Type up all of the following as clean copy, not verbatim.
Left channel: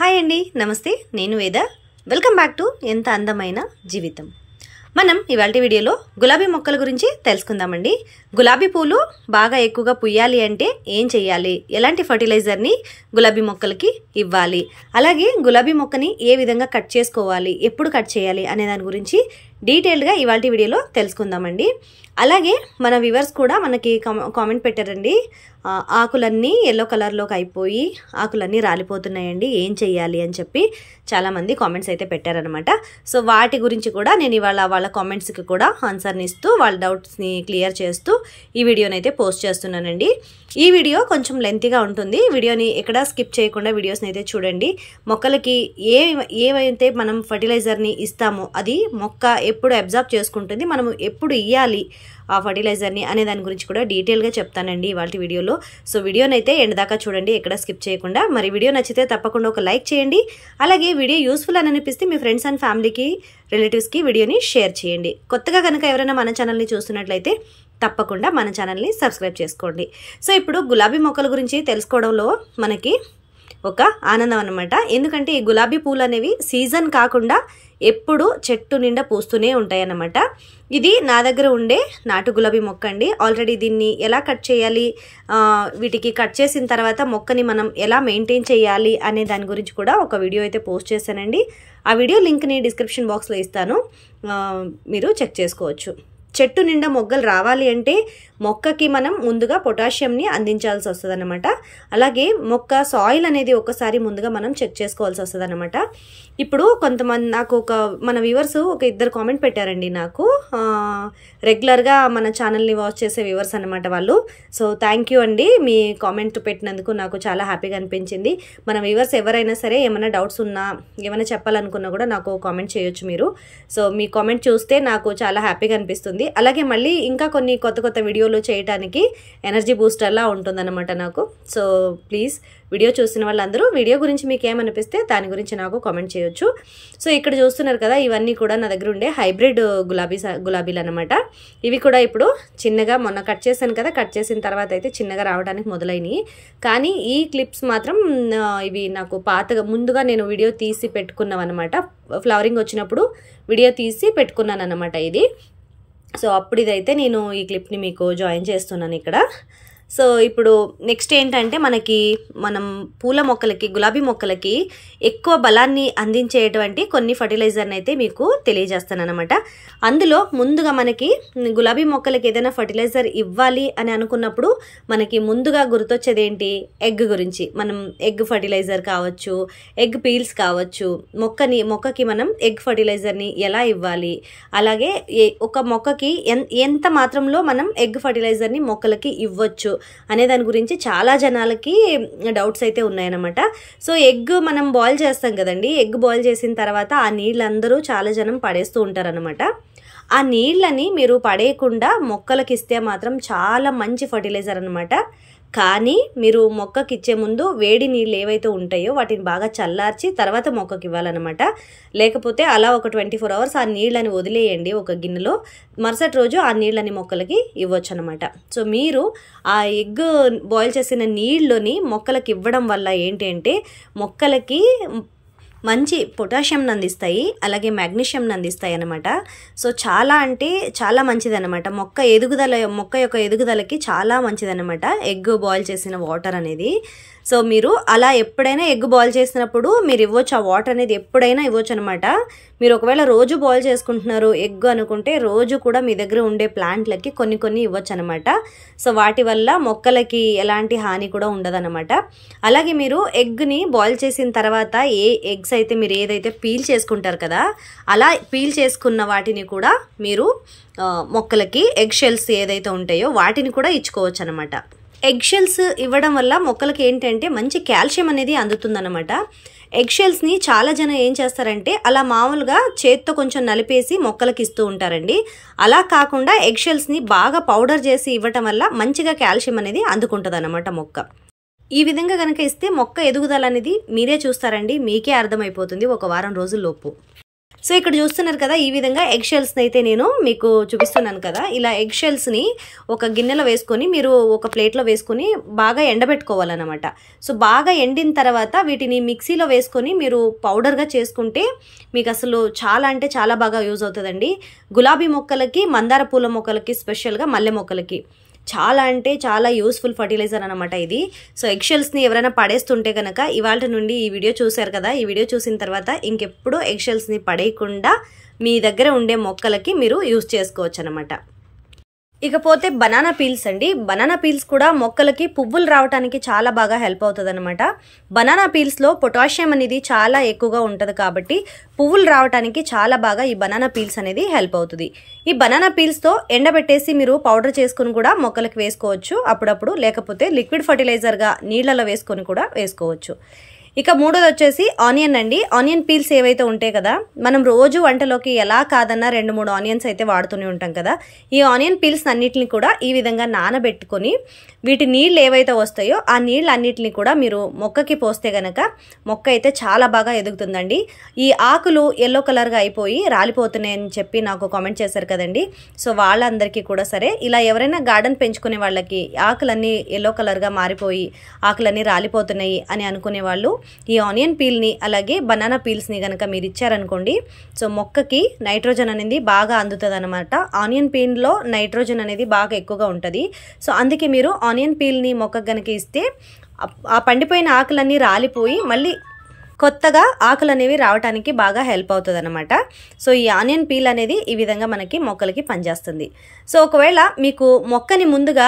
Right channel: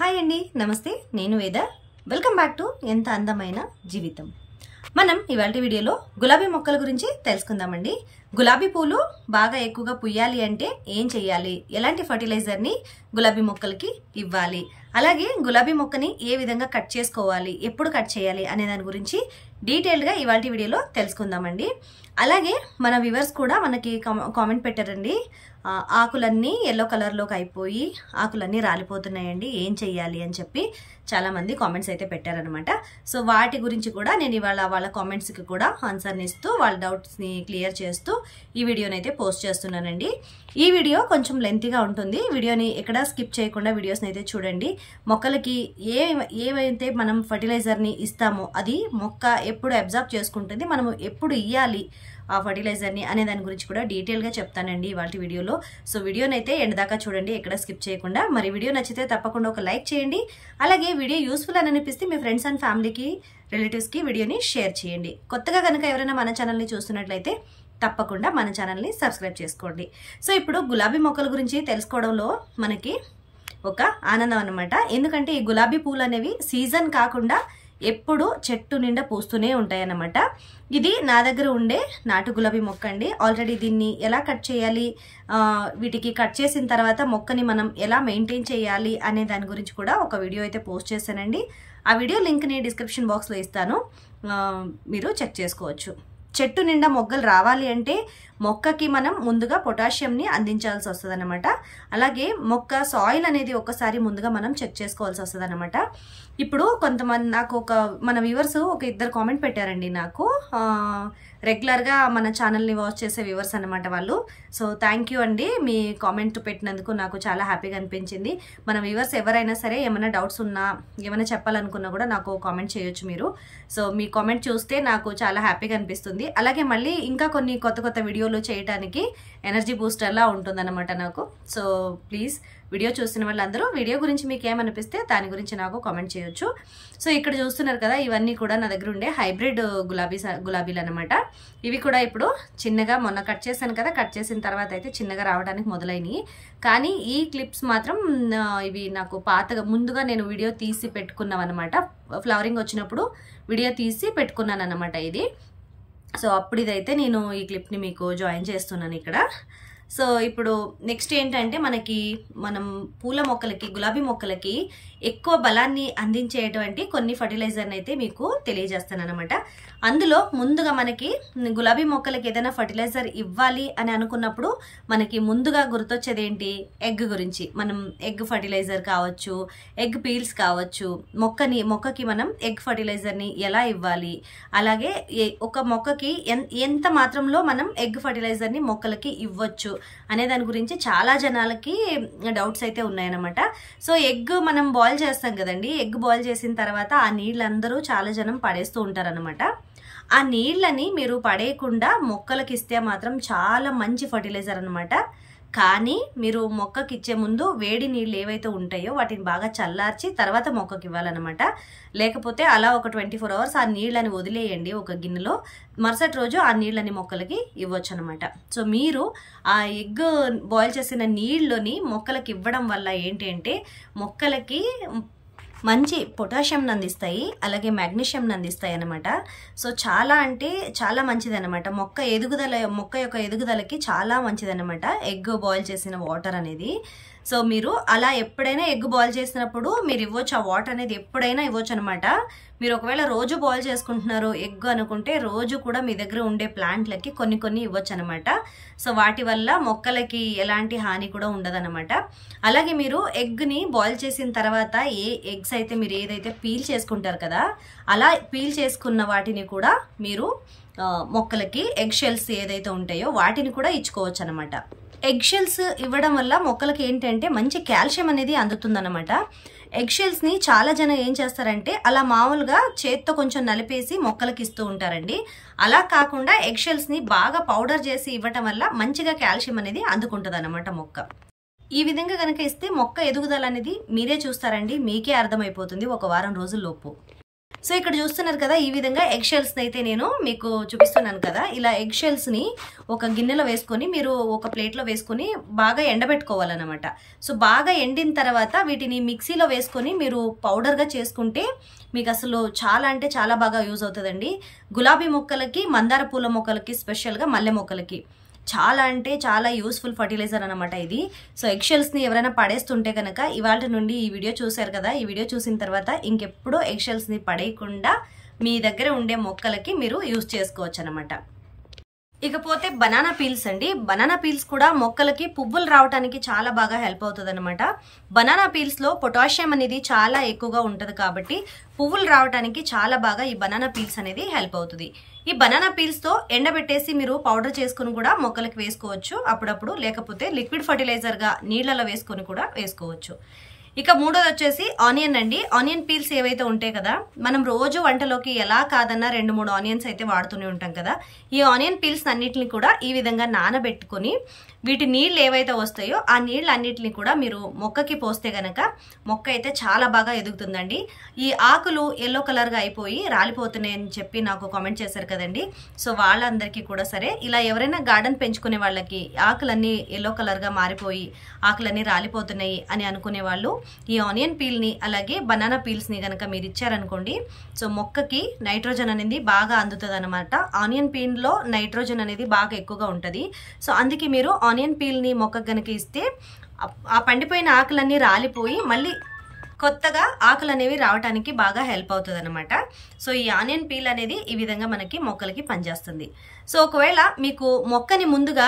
Hi అండి, నమస్తే. నేను వేద. వెల్కమ్ బ్యాక్ టు ఎంత అందమైన జీవితం. మనం ఇవాళ వీడియోలో గులాబీ మొక్కల గురించి తెలుసుకుందామండి. గులాబీ పూలు బాగా ఎక్కువగా పుయ్యాలి అంటే ఏం చేయాలి, ఎలాంటి ఫర్టిలైజర్ని గులాబీ మొక్కలకి ఇవ్వాలి, అలాగే గులాబీ మొక్కని ఏ విధంగా కట్ చేసుకోవాలి, ఎప్పుడు కట్ చేయాలి అనే దాని గురించి డీటెయిల్డ్గా ఇవాళ వీడియోలో తెలుసుకుందామండి. అలాగే మన వ్యూవర్స్ కూడా మనకి కామెంట్ పెట్టారండి, ఆకులన్నీ ఎల్లో కలర్లోకి అయిపోయి ఆకులన్నీ రాలిపోతున్నాయండి, ఏం చెయ్యాలి అని చెప్పి చాలామంది కామెంట్స్ అయితే పెట్టారనమాట. సో వాటి గురించి కూడా నేను ఇవాళ వాళ్ళ కామెంట్స్కి కూడా ఆన్సర్ని ఇస్తూ వాళ్ళ డౌట్స్ని క్లియర్ చేస్తూ ఈ వీడియోని అయితే పోస్ట్ చేస్తున్నానండి. ఈ వీడియో కొంచెం లెంతీగా ఉంటుంది. వీడియోని ఎక్కడా స్కిప్ చేయకుండా వీడియోస్ని అయితే చూడండి. మొక్కలకి ఏవైతే మనం ఫర్టిలైజర్ని ఇస్తామో అది మొక్క ఎప్పుడు అబ్జర్వ్ చేసుకుంటుంది, మనము ఎప్పుడు ఇవ్వాలి ఆ ఫర్టిలైజర్ని అనే దాని గురించి కూడా డీటెయిల్గా చెప్తానండి ఇవాళ వీడియోలో. సో వీడియోని అయితే ఎండ్ దాకా చూడండి, ఎక్కడ స్కిప్ చేయకుండా. మరి వీడియో నచ్చితే తప్పకుండా ఒక లైక్ చేయండి. అలాగే వీడియో యూస్ఫుల్ అని అనిపిస్తే మీ ఫ్రెండ్స్ అండ్ ఫ్యామిలీకి, రిలేటివ్స్కి వీడియోని షేర్ చేయండి. కొత్తగా కనుక ఎవరైనా మన ఛానల్ని చూస్తున్నట్లయితే తప్పకుండా మన ఛానల్ని సబ్స్క్రైబ్ చేసుకోండి. సో ఇప్పుడు గులాబీ మొక్కల గురించి తెలుసుకోవడంలో మనకి ఒక ఆనందం అన్నమాట. ఎందుకంటే ఈ గులాబీ పూలు అనేవి సీజన్ కాకుండా ఎప్పుడు చెట్టు నిండా పూస్తూనే ఉంటాయి అన్నమాట. ఇది నా దగ్గర ఉండే నాటు గులాబీ మొక్క అండి. ఆల్రెడీ దీన్ని ఎలా కట్ చేయాలి, వీటికి కట్ చేసిన తర్వాత మొక్కని మనం ఎలా మెయింటైన్ చేయాలి అనే దాని గురించి కూడా ఒక వీడియో అయితే పోస్ట్ చేశానండి. ఆ వీడియో లింక్ని డిస్క్రిప్షన్ బాక్స్లో ఇస్తాను, మీరు చెక్ చేసుకోవచ్చు. చెట్టు నిండా మొగ్గలు రావాలి అంటే మొక్కకి మనం ముందుగా పొటాషియంని అందించాల్సి వస్తుంది అనమాట. అలాగే మొక్క సాయిల్ అనేది ఒకసారి ముందుగా మనం చెక్ చేసుకోవాల్సి వస్తుంది అనమాట. ఇప్పుడు కొంతమంది నాకు మన వ్యూవర్స్ ఇద్దరు కామెంట్ పెట్టారండి నాకు, రెగ్యులర్గా మన ఛానల్ని వాచ్ చేసే వ్యూవర్స్ అనమాట వాళ్ళు. సో థ్యాంక్ యూ అండి, మీ కామెంట్ పెట్టినందుకు నాకు చాలా హ్యాపీగా అనిపించింది. మన వ్యూవర్స్ ఎవరైనా సరే ఏమైనా డౌట్స్ ఉన్నా, ఏమైనా చెప్పాలనుకున్నా కూడా నాకు కామెంట్ చేయొచ్చు మీరు. సో మీ కామెంట్ చూస్తే నాకు చాలా హ్యాపీగా అనిపిస్తుంది. అలాగే మళ్ళీ ఇంకా కొన్ని కొత్త వీడియోలు చేయడానికి ఎనర్జీ బూస్టర్లా ఉంటుందన్నమాట నాకు. సో ప్లీజ్ వీడియో చూసిన వాళ్ళందరూ వీడియో గురించి మీకు ఏమనిపిస్తే దాని గురించి నాకు కామెంట్ చేయొచ్చు. సో ఇక్కడ చూస్తున్నారు కదా, ఇవన్నీ కూడా నా దగ్గర ఉండే హైబ్రిడ్ గులాబీలు అనమాట. ఇవి కూడా ఇప్పుడు చిన్నగా మొన్న కట్ చేశాను కదా, కట్ చేసిన తర్వాత అయితే చిన్నగా రావడానికి మొదలైనవి. కానీ ఈ క్లిప్స్ మాత్రం ఇవి నాకు పాతగా ముందుగా నేను వీడియో తీసి పెట్టుకున్నాం అనమాట. ఫ్లవరింగ్ వచ్చినప్పుడు వీడియో తీసి పెట్టుకున్నాను అనమాట ఇది. సో అప్పుడు ఇదైతే నేను ఈ క్లిప్ని మీకు జాయిన్ చేస్తున్నాను ఇక్కడ. సో ఇప్పుడు నెక్స్ట్ ఏంటంటే మనం పూల మొక్కలకి, గులాబీ మొక్కలకి ఎక్కువ బలాన్ని అందించేటువంటి కొన్ని ఫర్టిలైజర్ని అయితే మీకు తెలియజేస్తాను అనమాట. అందులో ముందుగా మనకి గులాబీ మొక్కలకి ఏదైనా ఫర్టిలైజర్ ఇవ్వాలి అని అనుకున్నప్పుడు మనకి ముందుగా గుర్తొచ్చేది ఏంటి, ఎగ్ గురించి. మనం ఎగ్ ఫర్టిలైజర్ కావచ్చు, ఎగ్ పీల్స్ కావచ్చు, మొక్కకి మనం ఎగ్ ఫర్టిలైజర్ని ఎలా ఇవ్వాలి, అలాగే ఒక మొక్కకి ఎంత మాత్రంలో మనం ఎగ్ ఫర్టిలైజర్ని మొక్కలకి ఇవ్వచ్చు అనే దాని గురించి చాలా జనాలకి డౌట్స్ అయితే ఉన్నాయన్నమాట. సో ఎగ్ మనం బాయిల్ చేస్తాం కదండి, ఎగ్ బాయిల్ చేసిన తర్వాత ఆ నీళ్ళందరూ చాలా జనం పడేస్తూ ఉంటారనమాట. ఆ నీళ్ళని మీరు పడేయకుండా మొక్కలకి ఇస్తే మాత్రం చాలా మంచి ఫర్టిలైజర్ అనమాట. కానీ మీరు మొక్కకి ఇచ్చే ముందు వేడి నీళ్ళు ఏవైతే ఉంటాయో వాటిని బాగా చల్లార్చి తర్వాత మొక్కకి ఇవ్వాలన్నమాట. లేకపోతే అలా ఒక 24 hours ఆ నీళ్ళని వదిలేయండి ఒక గిన్నెలో, మరుసటి రోజు ఆ నీళ్ళని మొక్కలకి ఇవ్వచ్చు అనమాట. సో మీరు ఆ ఎగ్ బాయిల్ చేసిన నీళ్ళని మొక్కలకి ఇవ్వడం వల్ల ఏంటి అంటే మొక్కలకి మంచి పొటాషియంని అందిస్తాయి, అలాగే మ్యాగ్నీషియంని అందిస్తాయి అనమాట. సో చాలా అంటే చాలా మంచిది అనమాట. మొక్క యొక్క ఎదుగుదలకి చాలా మంచిది అనమాట ఎగ్ బాయిల్ చేసిన వాటర్ అనేది. సో మీరు అలా ఎప్పుడైనా ఎగ్ బాయిల్ చేసినప్పుడు మీరు ఇవ్వచ్చు, ఆ వాటర్ అనేది ఎప్పుడైనా ఇవ్వచ్చు అనమాట. మీరు ఒకవేళ రోజు బాయిల్ చేసుకుంటున్నారు ఎగ్ అనుకుంటే రోజు కూడా మీ దగ్గర ఉండే ప్లాంట్లకి కొన్ని ఇవ్వచ్చు అనమాట. సో వాటి వల్ల మొక్కలకి ఎలాంటి హాని కూడా ఉండదన్నమాట. అలాగే మీరు ఎగ్ని బాయిల్ చేసిన తర్వాత ఎగ్స్ అయితే మీరు ఏదైతే పీల్ చేసుకుంటారు కదా, అలా పీల్ చేసుకున్న వాటిని కూడా మీరు మొక్కలకి ఎగ్ షెల్స్ ఏదైతే ఉంటాయో వాటిని కూడా ఇచ్చుకోవచ్చు అనమాట. ఎగ్ షెల్స్ ఇవ్వడం వల్ల మొక్కలకి ఏంటంటే మంచి కాల్షియం అనేది అందుతుందన్నమాట. ఎగ్ షెల్స్ని చాలా జనం ఏం చేస్తారంటే అలా మామూలుగా చేత్తో కొంచెం నలిపేసి మొక్కలకి ఇస్తూ ఉంటారండి. అలా కాకుండా ఎగ్ షెల్స్ని బాగా పౌడర్ చేసి ఇవ్వటం వల్ల మంచిగా కాల్షియం అనేది అందుకుంటుంది అన్నమాట మొక్క. ఈ విధంగా కనుక ఇస్తే మొక్క ఎదుగుదల అనేది మీరే చూస్తారండి, మీకే అర్థమైపోతుంది ఒక వారం రోజుల్లోపు. సో ఇక్కడ చూస్తున్నారు కదా, ఈ విధంగా ఎగ్ షెల్స్ని అయితే నేను మీకు చూపిస్తున్నాను కదా. ఇలా ఎగ్ షెల్స్ని ఒక గిన్నెలో వేసుకొని మీరు ఒక ప్లేట్లో వేసుకొని బాగా ఎండబెట్టుకోవాలన్నమాట. సో బాగా ఎండిన తర్వాత వీటిని మిక్సీలో వేసుకొని మీరు పౌడర్గా చేసుకుంటే మీకు అసలు చాలా అంటే చాలా బాగా యూజ్ అవుతుందండి. గులాబీ మొక్కలకి, మందార పూల మొక్కలకి, స్పెషల్గా మల్లె మొక్కలకి చాలా అంటే చాలా యూస్ఫుల్ ఫర్టిలైజర్ అనమాట ఇది. సో ఎగ్ షెల్స్ని ఎవరైనా పడేస్తుంటే కనుక ఇవాళ నుండి ఈ వీడియో చూశారు కదా, ఈ వీడియో చూసిన తర్వాత ఇంకెప్పుడు ఎగ్ షెల్స్ని పడేయకుండా మీ దగ్గర ఉండే మొక్కలకి మీరు యూజ్ చేసుకోవచ్చు అనమాట. ఇకపోతే బనానా పీల్స్ అండి. బనానా పీల్స్ కూడా మొక్కలకి పువ్వులు రావడానికి చాలా బాగా హెల్ప్ అవుతుంది అనమాట. బనానా పీల్స్లో పొటాషియం అనేది చాలా ఎక్కువగా ఉంటుంది కాబట్టి పువ్వులు రావడానికి చాలా బాగా ఈ బనానా పీల్స్ అనేది హెల్ప్ అవుతుంది. ఈ బనానా పీల్స్తో ఎండబెట్టేసి మీరు పౌడర్ చేసుకుని కూడా మొక్కలకు వేసుకోవచ్చు అప్పుడప్పుడు, లేకపోతే లిక్విడ్ ఫర్టిలైజర్గా నీళ్లలో వేసుకొని కూడా వేసుకోవచ్చు. ఇక మూడోది వచ్చేసి ఆనియన్ అండి. ఆనియన్ పీల్స్ ఏవైతే ఉంటాయి కదా, మనం రోజు వంటలోకి ఎలా కాదన్నా 2-3 ఆనియన్స్ అయితే వాడుతూనే ఉంటాం కదా. ఈ ఆనియన్ పీల్స్ అన్నిటిని కూడా ఈ విధంగా నానబెట్టుకొని వీటి నీళ్ళు ఏవైతే వస్తాయో ఆ నీళ్ళు అన్నిటిని కూడా మీరు మొక్కకి పోస్తే గనక మొక్క అయితే చాలా బాగా ఎదుగుతుందండి. ఈ ఆకులు ఎల్లో కలర్గా అయిపోయి రాలిపోతున్నాయని చెప్పి నాకు కామెంట్ చేశారు కదండి. సో వాళ్ళందరికీ కూడా సరే, ఇలా ఎవరైనా గార్డెన్ పెంచుకునే వాళ్ళకి ఆకులన్నీ ఎల్లో కలర్గా మారిపోయి ఆకులన్నీ రాలిపోతున్నాయి అని అనుకునే వాళ్ళు ఈ ఆనియన్ పీల్ని అలాగే బనానా పీల్స్ని కనుక మీరు ఇచ్చారనుకోండి, సో మొక్కకి నైట్రోజన్ అనేది బాగా అందుతుంది అనమాట. ఆనియన్ పీల్లో నైట్రోజన్ అనేది బాగా ఎక్కువగా ఉంటుంది. సో అందుకే మీరు ఆనియన్ పీల్ని మొక్కకు కనుక ఇస్తే ఆ పండిపోయిన ఆకులన్నీ రాలిపోయి మళ్ళీ కొత్తగా ఆకులు అనేవి రావడానికి బాగా హెల్ప్ అవుతుంది అనమాట. సో ఈ ఆనియన్ పీల్ అనేది ఈ విధంగా మనకి మొక్కలకి పనిచేస్తుంది. సో ఒకవేళ మీకు మొక్కని ముందుగా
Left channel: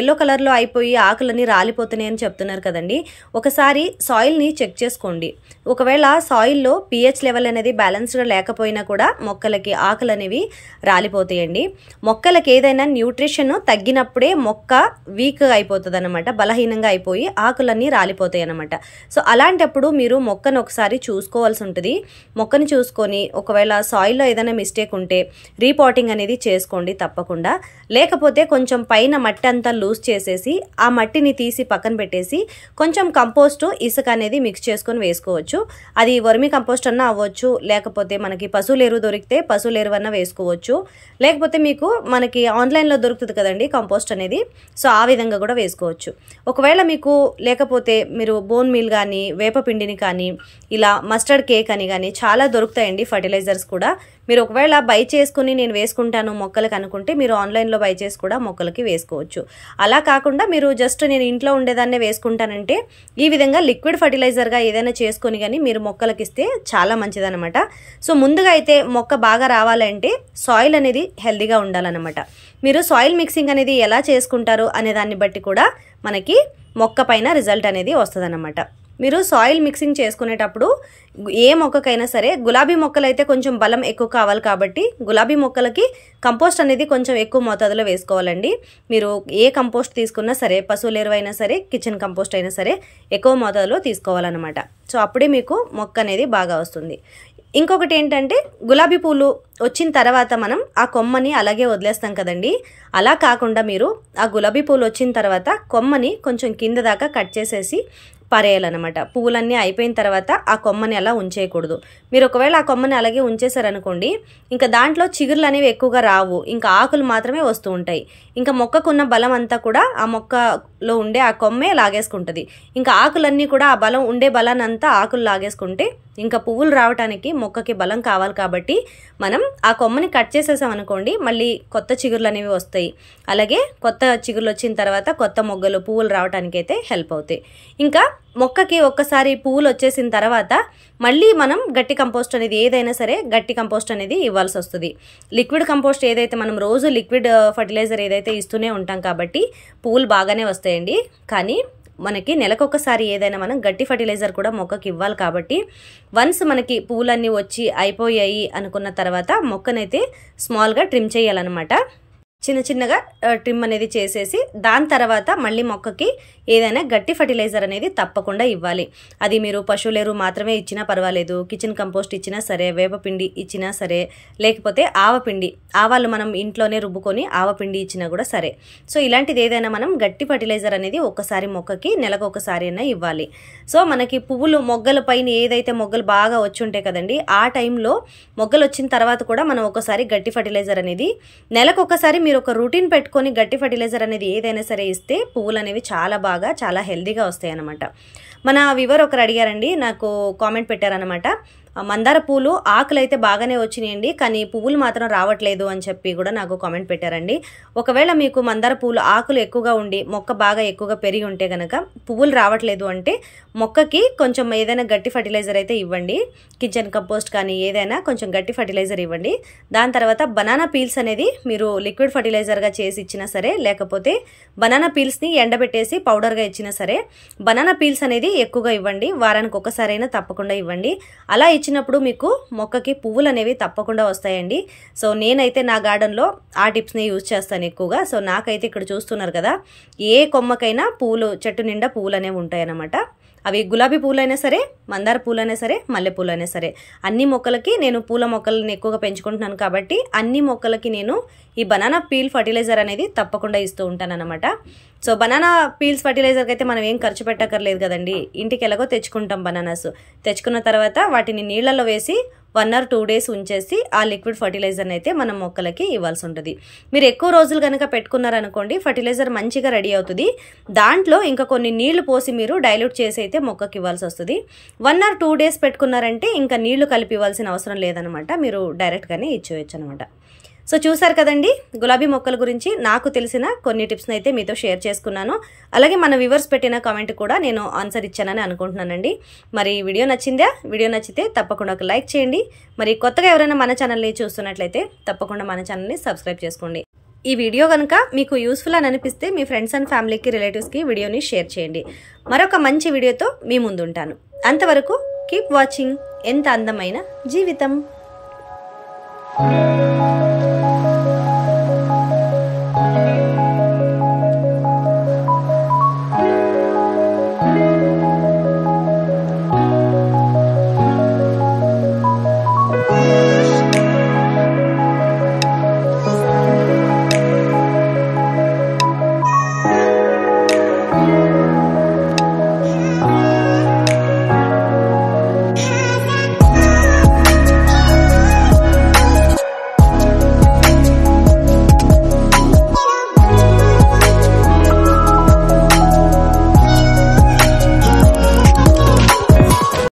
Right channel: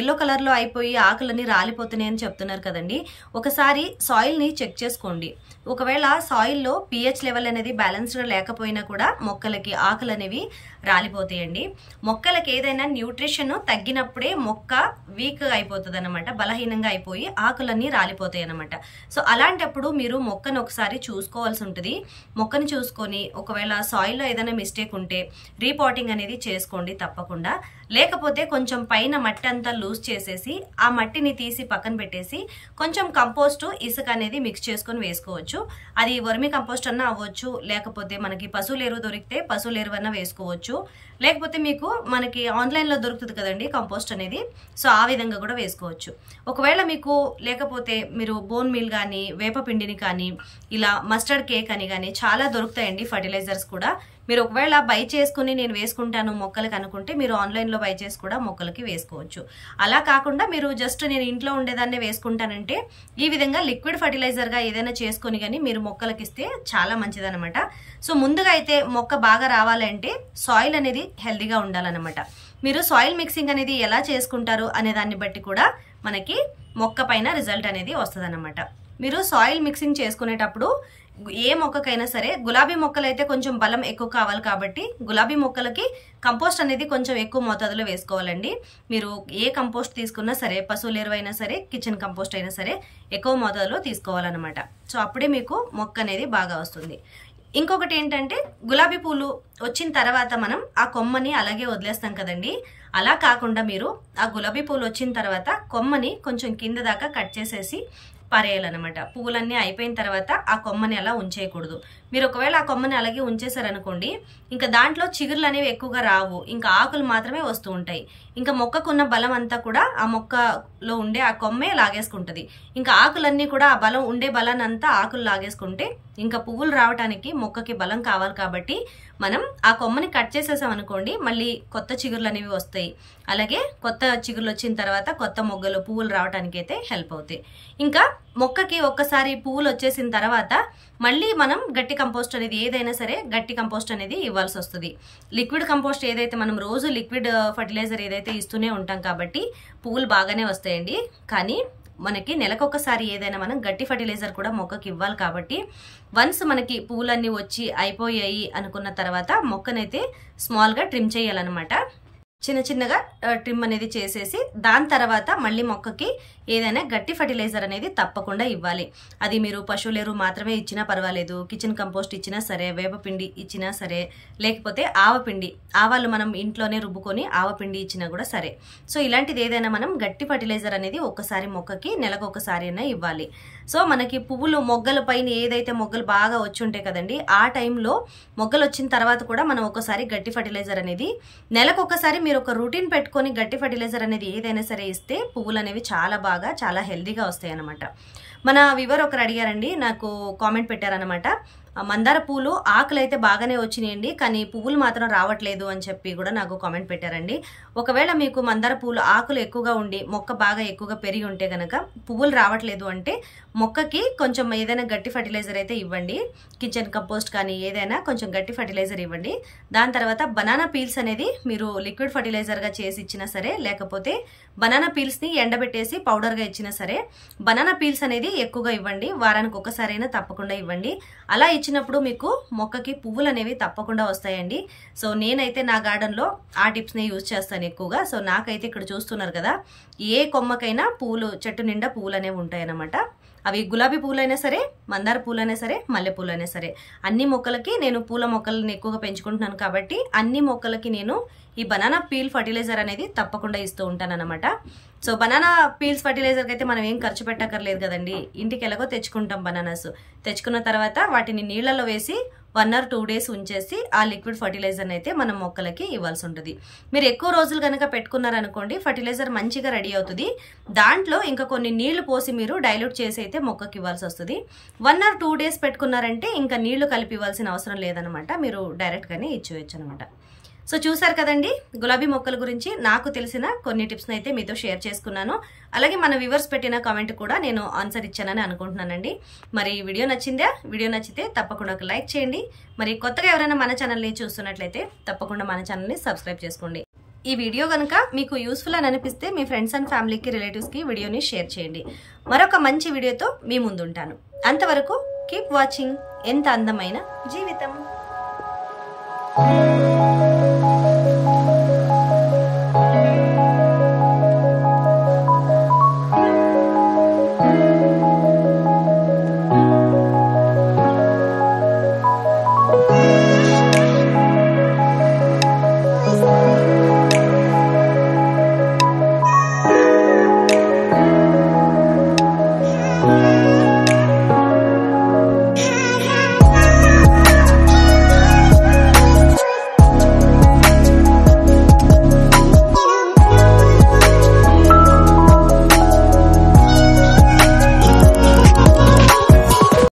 ఎల్లో కలర్లో అయిపోయి ఆకులన్నీ రాలిపోతున్నాయి అని చెప్తున్నారు కదండి, ఒకసారి సాయిల్ని చెక్ చేసుకోండి. ఒకవేళ సాయిల్లో pH లెవెల్ అనేది బ్యాలెన్స్గా లేకపోయినా కూడా మొక్కలకి ఆకులు అనేవి రాలిపోతాయండి. మొక్కలకి ఏదైనా న్యూట్రిషన్ తగ్గినప్పుడే మొక్క వీక్ అయిపోతుంది అనమాట, బలహీనంగా అయిపోయి ఆకులన్నీ రాలిపోతాయి అనమాట. సో అలాంటప్పుడు మీరు మొక్కను ఒకసారి చూసుకోవాల్సి ఉంటుంది. మొక్కను చూసుకొని ఒకవేళ సాయిల్లో ఏదైనా మిస్టేక్ ఉంటే రీపాటింగ్ అనేది చేసుకోండి తప్పకుండా. లేకపోతే కొంచెం పైన మట్టి అంతా లూజ్ చేసేసి ఆ మట్టిని తీసి పక్కన పెట్టేసి కొంచెం కంపోస్ట్, ఇసుక అనేది మిక్స్ చేసుకొని వేసుకోవచ్చు. అది వర్మి కంపోస్ట్ అన్నా అవ్వచ్చు, లేకపోతే మనకి పశువుల ఎరువు దొరికితే పశువుల ఎరువు అన్నా వేసుకోవచ్చు, లేకపోతే మీకు మనకి ఆన్లైన్లో దొరుకుతుంది కదండి కంపోస్ట్ అనేది, సో ఆ విధంగా కూడా వేసుకోవచ్చు. ఒకవేళ మీకు లేకపోతే మీరు బోన్ మీల్ కానీ, వేపపిండిని కానీ, ఇలా మస్టర్డ్ కేక్ అని కానీ చాలా దొరుకుతాయండి ఫర్టిలైజర్స్ కూడా. మీరు ఒకవేళ బై చేసుకుని నేను వేసుకుంటాను మొక్కలకి అనుకుంటే మీరు ఆన్లైన్లో బై చేసి కూడా మొక్కలకి వేసుకోవచ్చు. అలా కాకుండా మీరు జస్ట్ నేను ఇంట్లో ఉండేదాన్నే వేసుకుంటానంటే ఈ విధంగా లిక్విడ్ ఫర్టిలైజర్గా ఏదైనా చేసుకొని కానీ మీరు మొక్కలకి ఇస్తే చాలా మంచిదన్నమాట. సో ముందుగా అయితే మొక్క బాగా రావాలంటే సాయిల్ అనేది హెల్దీగా ఉండాలన్నమాట. మీరు సాయిల్ మిక్సింగ్ అనేది ఎలా చేసుకుంటారు అనే దాన్ని బట్టి కూడా మనకి మొక్క పైన రిజల్ట్ అనేది వస్తుందన్నమాట. మీరు సాయిల్ మిక్సింగ్ చేసుకునేటప్పుడు ఏ మొక్కకైనా సరే, గులాబీ మొక్కలు అయితే కొంచెం బలం ఎక్కువ కావాలి కాబట్టి గులాబీ మొక్కలకి కంపోస్ట్ అనేది కొంచెం ఎక్కువ మోతాదులో వేసుకోవాలండి. మీరు ఏ కంపోస్ట్ తీసుకున్నా సరే, పశువుల ఎరువు అయినా సరే, కిచెన్ కంపోస్ట్ అయినా సరే ఎక్కువ మోతాదులో తీసుకోవాలన్నమాట. సో అప్పుడే మీకు మొక్క అనేది బాగా వస్తుంది. ఇంకొకటి ఏంటంటే, గులాబీ పూలు వచ్చిన తర్వాత మనం ఆ కొమ్మని అలాగే వదిలేస్తాం కదండి. అలా కాకుండా మీరు ఆ గులాబీ పూలు వచ్చిన తర్వాత కొమ్మని కొంచెం కింద దాకా కట్ చేసేసి పారేయాలన్నమాట. పువ్వులన్నీ అయిపోయిన తర్వాత ఆ కొమ్మని అలా ఉంచేయకూడదు. మీరు ఒకవేళ ఆ కొమ్మని అలాగే ఉంచేసారనుకోండి, ఇంకా దాంట్లో చిగుర్లు అనేవి ఎక్కువగా రావు, ఇంకా ఆకులు మాత్రమే వస్తూ ఉంటాయి. ఇంకా మొక్కకున్న బలం అంతా కూడా ఆ మొక్కలో ఉండే ఆ కొమ్మే లాగేసుకుంటుంది. ఇంకా ఆకులన్నీ కూడా ఆ బలం ఉండే బలాన్ని అంతా ఆకులు లాగేసుకుంటే ఇంకా పువ్వులు రావడానికి మొక్కకి బలం కావాలి కాబట్టి మనం ఆ కొమ్మని కట్ చేసేసాం అనుకోండి, మళ్ళీ కొత్త చిగుర్లు అనేవి వస్తాయి. అలాగే కొత్త చిగుర్లు వచ్చిన తర్వాత కొత్త మొగ్గలు, పువ్వులు రావడానికి అయితే హెల్ప్ అవుతాయి. ఇంకా మొక్కకి ఒక్కసారి పువ్వులు వచ్చేసిన తర్వాత మళ్ళీ మనం గట్టి కంపోస్ట్ అనేది ఏదైనా సరే గట్టి కంపోస్ట్ అనేది ఇవ్వాల్సి వస్తుంది. లిక్విడ్ కంపోస్ట్ ఏదైతే మనం రోజు లిక్విడ్ ఫర్టిలైజర్ ఏదైతే ఇస్తూనే ఉంటాం కాబట్టి పువ్వులు బాగానే వస్తాయండి. కానీ మనకి నెలకొకసారి ఏదైనా మనం గట్టి ఫర్టిలైజర్ కూడా మొక్కకి ఇవ్వాలి కాబట్టి వన్స్ మనకి పువ్వులన్నీ వచ్చి అయిపోయాయి అనుకున్న తర్వాత మొక్కనైతే స్మాల్గా ట్రిమ్ చేయాలన్నమాట. చిన్న చిన్నగా ట్రిమ్ అనేది చేసేసి దాని తర్వాత మళ్ళీ మొక్కకి ఏదైనా గట్టి ఫర్టిలైజర్ అనేది తప్పకుండా ఇవ్వాలి. అది మీరు పశువుల ఎరువు మాత్రమే ఇచ్చినా పర్వాలేదు, కిచెన్ కంపోస్ట్ ఇచ్చినా సరే, వేపపిండి ఇచ్చినా సరే, లేకపోతే ఆవపిండి, ఆవాలు మనం ఇంట్లోనే రుబ్బుకొని ఆవపిండి ఇచ్చినా కూడా సరే. సో ఇలాంటిది ఏదైనా మనం గట్టి ఫర్టిలైజర్ అనేది ఒక్కసారి మొక్కకి నెలకు ఒకసారి అయినా ఇవ్వాలి. సో మనకి పువ్వులు మొగ్గల పైన ఏదైతే మొగ్గలు బాగా వచ్చి ఉంటాయి కదండి, ఆ టైంలో మొగ్గలు వచ్చిన తర్వాత కూడా మనం ఒకసారి గట్టి ఫర్టిలైజర్ అనేది నెలకు ఒకసారి మీరు ఒక రూటీన్ పెట్టుకొని గట్టి ఫర్టిలైజర్ అనేది ఏదైనా సరే ఇస్తే పువ్వులు అనేవి చాలా హెల్దీగా వస్తాయి అన్నమాట. మన వివర్ ఒకరు అడిగారండి, నాకు కామెంట్ పెట్టారనమాట, మందార పూలు ఆకులు అయితే బాగానే వచ్చినాయండి కానీ పువ్వులు మాత్రం రావట్లేదు అని చెప్పి కూడా నాకు కామెంట్ పెట్టారండి. ఒకవేళ మీకు మందార పూలు ఆకులు ఎక్కువగా ఉండి మొక్క బాగా ఎక్కువగా పెరిగి ఉంటే కనుక పువ్వులు రావట్లేదు అంటే మొక్కకి కొంచెం ఏదైనా గట్టి ఫర్టిలైజర్ అయితే ఇవ్వండి. కిచెన్ కంపోస్ట్ కానీ ఏదైనా కొంచెం గట్టి ఫర్టిలైజర్ ఇవ్వండి. దాని తర్వాత బనానా పీల్స్ అనేది మీరు లిక్విడ్ ఫర్టిలైజర్గా చేసి ఇచ్చినా సరే, లేకపోతే బనానా పీల్స్ని ఎండబెట్టేసి పౌడర్గా ఇచ్చినా సరే, బనానా పీల్స్ అనేది ఎక్కువగా ఇవ్వండి. వారానికి ఒకసారైనా తప్పకుండా ఇవ్వండి. అలా ఇచ్చినప్పుడు మీకు మొక్కకి పువ్వులు అనేవి తప్పకుండా వస్తాయండి. సో నేనైతే నా గార్డెన్లో ఆ టిప్స్ని యూజ్ చేస్తాను ఎక్కువగా. సో నాకైతే ఇక్కడ చూస్తున్నారు కదా, ఏ కొమ్మకైనా పూలు, చెట్టు నిండా పువ్వులు అనేవి ఉంటాయి అన్నమాట. అవి గులాబీ పూలైనా సరే, మందార పూలైనా సరే, మల్లె పూలైనా సరే, అన్ని మొక్కలకి నేను పూల మొక్కలని ఎక్కువగా పెంచుకుంటున్నాను కాబట్టి అన్ని మొక్కలకి నేను ఈ బనానా పీల్ ఫర్టిలైజర్ అనేది తప్పకుండా ఇస్తూ ఉంటాను అనమాట. సో బనానా పీల్స్ ఫర్టిలైజర్కి అయితే మనం ఏం ఖర్చు పెట్టక్కర్లేదు కదండి, ఇంటికి ఎలాగో తెచ్చుకుంటాం బనానాస్. తెచ్చుకున్న తర్వాత వాటిని నీళ్ళలో వేసి 1 or 2 days ఉంచేసి ఆ లిక్విడ్ ఫర్టిలైజర్ని అయితే మనం మొక్కలకి ఇవ్వాల్సి ఉంటుంది. మీరు ఎక్కువ రోజులు కనుక పెట్టుకున్నారనుకోండి, ఫర్టిలైజర్ మంచిగా రెడీ అవుతుంది. దాంట్లో ఇంకా కొన్ని నీళ్లు పోసి మీరు డైల్యూట్ చేసి అయితే మొక్కకి ఇవ్వాల్సి వస్తుంది. 1 or 2 days పెట్టుకున్నారంటే ఇంకా నీళ్లు కలిపి ఇవ్వాల్సిన అవసరం లేదనమాట, మీరు డైరెక్ట్గానే ఇచ్చేయచ్చు అనమాట. సో చూసారు కదండి, గులాబీ మొక్కల గురించి నాకు తెలిసిన కొన్ని టిప్స్ని అయితే మీతో షేర్ చేసుకున్నాను. అలాగే మన వ్యూవర్స్ పెట్టిన కామెంట్ కూడా నేను ఆన్సర్ ఇచ్చానని అనుకుంటున్నానండి. మరి వీడియో నచ్చిందా? వీడియో నచ్చితే తప్పకుండా ఒక లైక్ చేయండి. మరి కొత్తగా ఎవరైనా మన ఛానల్ని చూస్తున్నట్లయితే తప్పకుండా మన ఛానల్ని సబ్స్క్రైబ్ చేసుకోండి. ఈ వీడియో కనుక మీకు యూస్ఫుల్ అని అనిపిస్తే మీ ఫ్రెండ్స్ అండ్ ఫ్యామిలీకి, రిలేటివ్స్కి వీడియోని షేర్ చేయండి. మరొక మంచి వీడియోతో మీ ముందు ఉంటాను. అంతవరకు కీప్ వాచింగ్ ఎంత అందమైన జీవితం.